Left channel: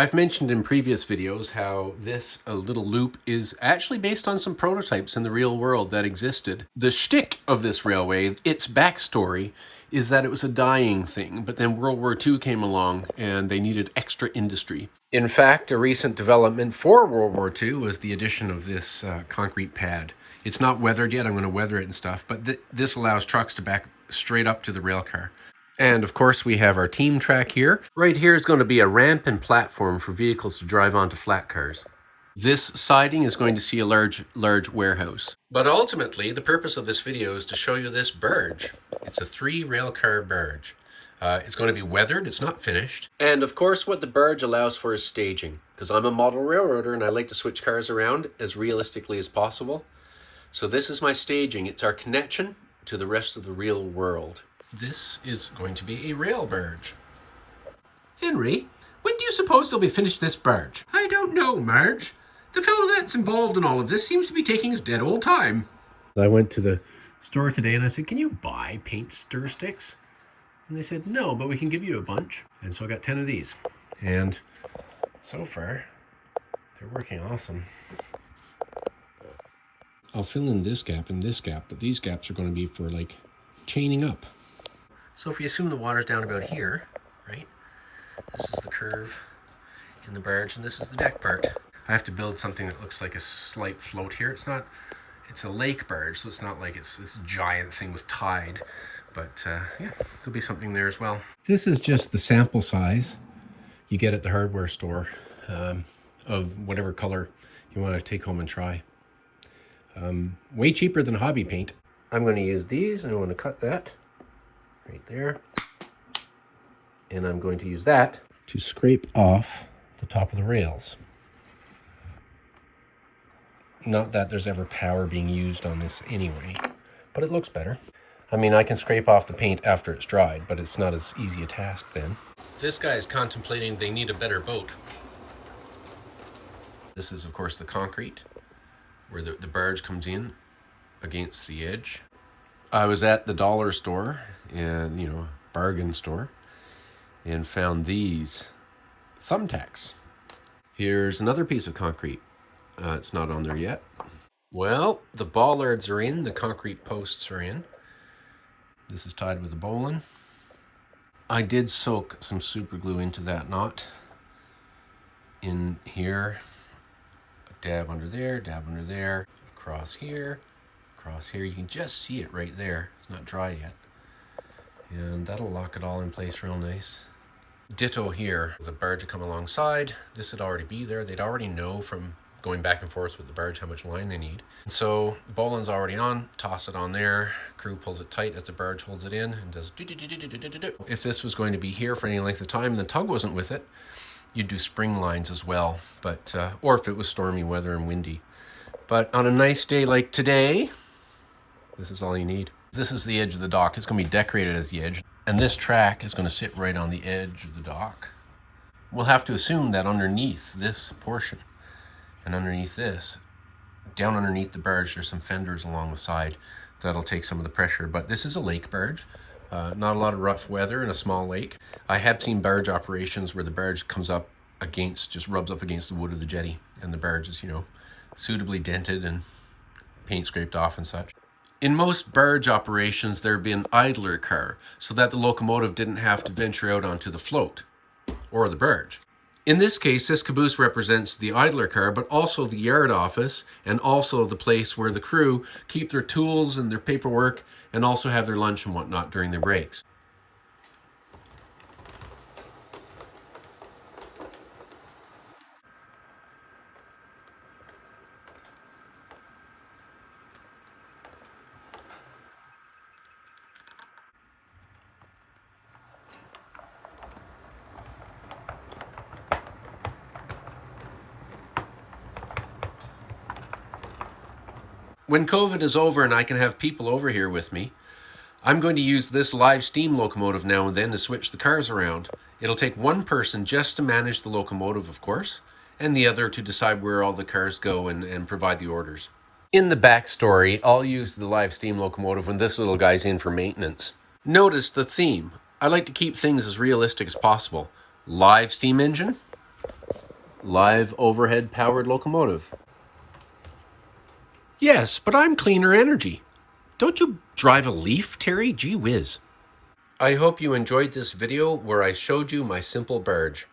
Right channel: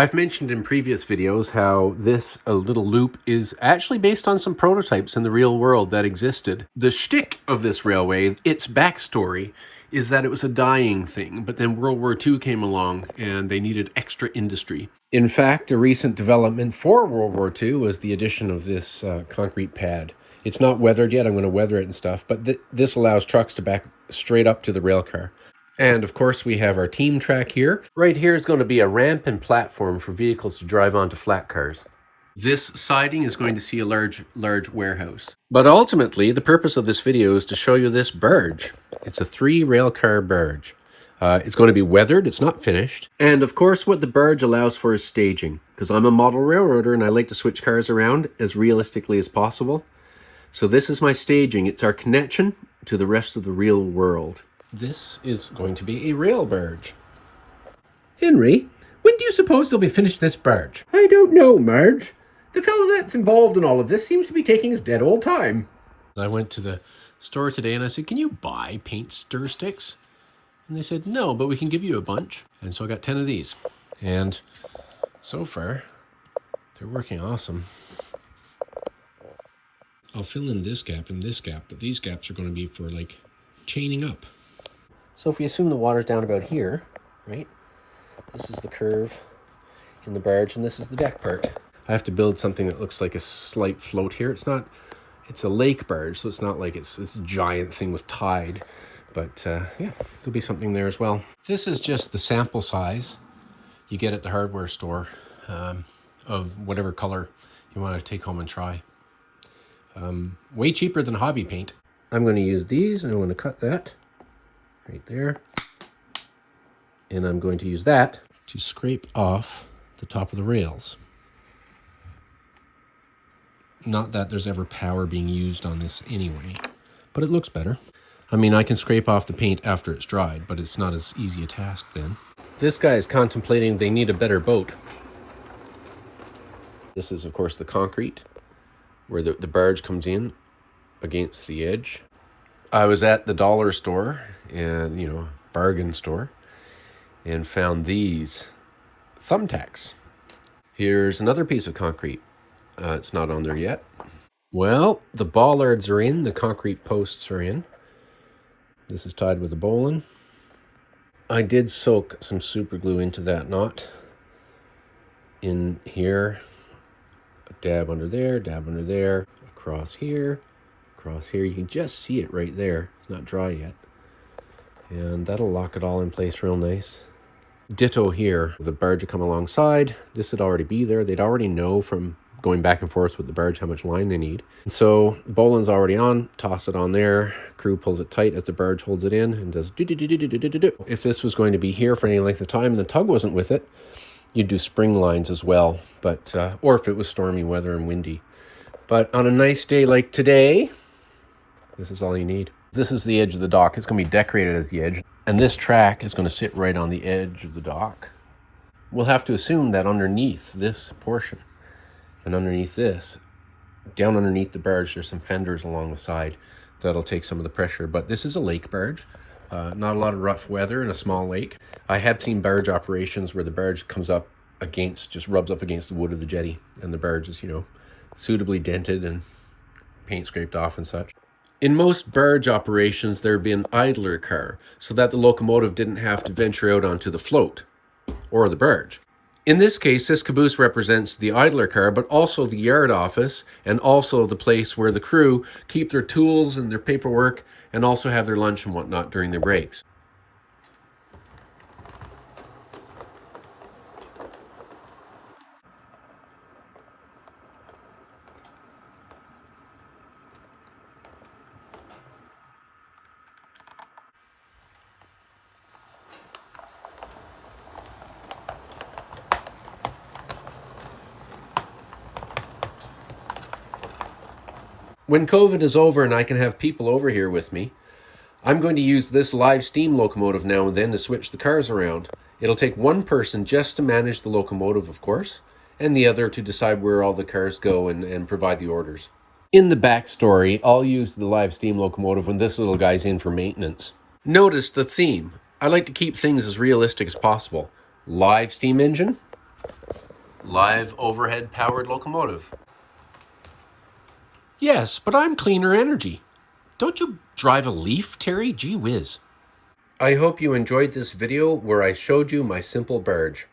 I've mentioned in previous videos how this little loop is actually based on some prototypes in the real world that existed. The shtick of this railway, its backstory, is that it was a dying thing, but then World War II came along and they needed extra industry. In fact, a recent development for World War II was the addition of this concrete pad. It's not weathered yet, I'm going to weather it and stuff, but this allows trucks to back straight up to the rail car. And of course we have our team track here. Right here is going to be a ramp and platform for vehicles to drive onto flat cars. This siding is going to see a large warehouse. But ultimately, the purpose of this video is to show you this barge. It's a 3 rail car barge. It's going to be weathered, it's not finished. And of course what the barge allows for is staging, because I'm a model railroader and I like to switch cars around as realistically as possible. So this is my staging. It's our connection to the rest of the real world. This is going to be a rail barge. Henry, when do you suppose they'll be finished this barge? I don't know, Marge. The fellow that's involved in all of this seems to be taking his dead old time. I went to the store today and I said, can you buy paint stir sticks? And they said, no, but we can give you a bunch. And so I got 10 of these. And so far, they're working awesome. I'll fill in this gap and this gap, but these gaps are going to be for like chaining up. So if you assume the water's down about here, right? This is the curve in the barge and this is the deck part. I have to build something that looks like a slight float here. It's a lake barge, so it's not like it's this giant thing with tide. But yeah, there'll be something there as well. This is just the sample size you get at the hardware store of whatever color you want to take home and try. Way cheaper than hobby paint. I'm going to use these and I'm going to cut that right there. And I'm going to use that to scrape off the top of the rails. Not that there's ever power being used on this anyway, but it looks better. I mean, I can scrape off the paint after it's dried, but it's not as easy a task then. This guy is contemplating they need a better boat. This is, of course, the concrete where the barge comes in against the edge. I was at the dollar store and, bargain store, and found these thumbtacks. Here's another piece of concrete. It's not on there yet. Well, the bollards are in, the concrete posts are in. This is tied with a bowline. I did soak some super glue into that knot in here. A dab under there, across here. You can just see it right there. It's not dry yet. And that'll lock it all in place real nice. Ditto here. The barge will come alongside. This would already be there. They'd already know from going back and forth with the barge how much line they need. And so bowline's already on, toss it on there. Crew pulls it tight as the barge holds it in and does do-do-do-do-do-do-do-do. If this was going to be here for any length of time and the tug wasn't with it, you'd do spring lines as well. But or if it was stormy weather and windy. But on a nice day like today, this is all you need. This is the edge of the dock. It's going to be decorated as the edge. And this track is going to sit right on the edge of the dock. We'll have to assume that underneath this portion and underneath this, down underneath the barge, there's some fenders along the side that'll take some of the pressure. But this is a lake barge. Not a lot of rough weather in a small lake. I have seen barge operations where the barge comes up against, just rubs up against the wood of the jetty. And the barge is, suitably dented and paint scraped off and such. In most barge operations, there'd be an idler car so that the locomotive didn't have to venture out onto the float or the barge. In this case, this caboose represents the idler car, but also the yard office and also the place where the crew keep their tools and their paperwork and also have their lunch and whatnot during their breaks. When COVID is over and I can have people over here with me, I'm going to use this live steam locomotive now and then to switch the cars around. It'll take one person just to manage the locomotive, of course, and the other to decide where all the cars go and provide the orders. In the backstory, I'll use the live steam locomotive when this little guy's in for maintenance. Notice the theme. I like to keep things as realistic as possible. Live steam engine, Live overhead powered locomotive. Yes, but I'm cleaner energy. Don't you drive a Leaf, Terry? Gee whiz. I hope you enjoyed this video where I showed you my simple barge.